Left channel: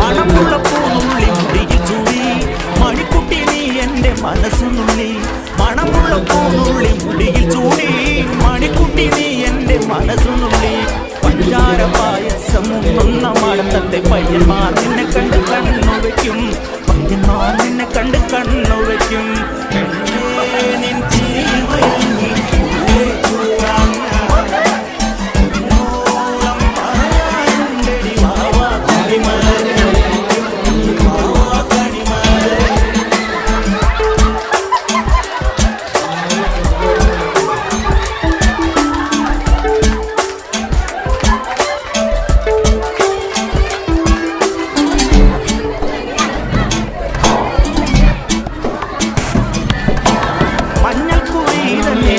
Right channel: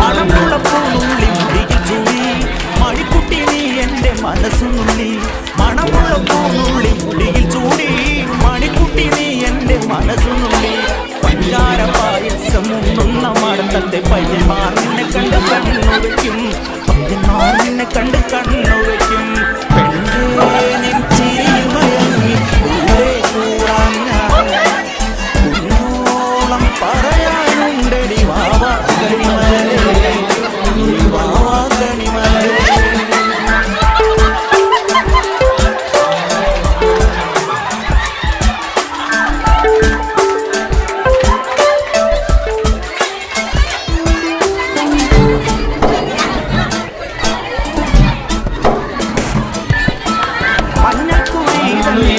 മണമുള്ള പൂനുള്ളി മുടിയിൽ ചൂടി മണിക്കുട്ടി നീ എൻ്റെ മനസ്സുനുള്ളി. മണമുള്ള പൂനുള്ളി മുടിയിൽ ചൂടി മണിക്കുട്ടി നീ എൻ്റെ മനസ്സുനുള്ളി. പഞ്ചാര പായസം ഉണ്ണുന്ന മാടത്തത്തെ പയ്യന്മാർ നിന്നെ കണ്ട് കണ്ണു വയ്ക്കും. പയ്യന്മാർ നിന്നെ കണ്ട് കണ്ണു വയ്ക്കും.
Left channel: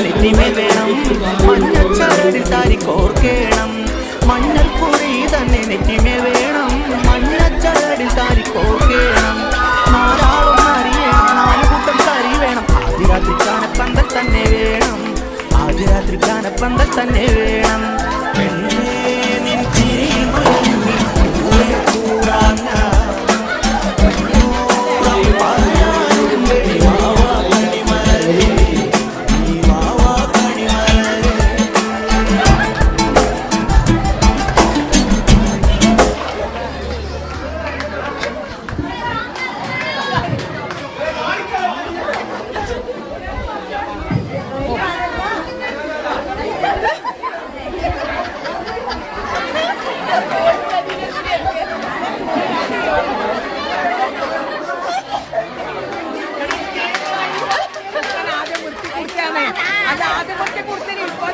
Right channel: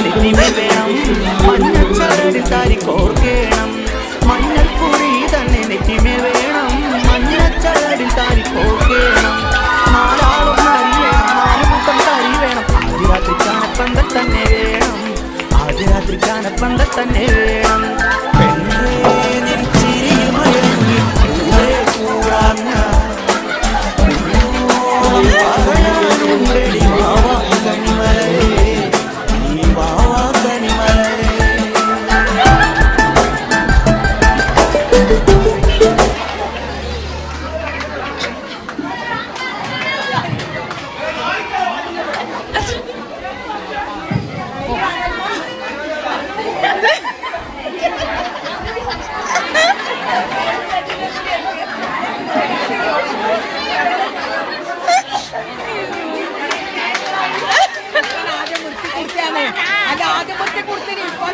നെറ്റിമേൽ വേണം മഞ്ഞച്ചരടിൽ താരിക്കോർക്കേണം. മഞ്ഞൾക്കുറി തന്നെ നെറ്റിമേൽ വേണം മഞ്ഞച്ചരടിൽ താരിക്കോർക്കേണം. നാലാളൊന്ന് അറിയണം നാല് കൂട്ടം കരി വേണം. ആദ്യ രാത്രി കാനപ്പന്തൽ തന്നെ വേണം. ആദ്യ രാത്രി കാനപ്പന്തൽ തന്നെ വേണം. അത് ആദ്യം കൊടുത്ത് ഇപ്പൊ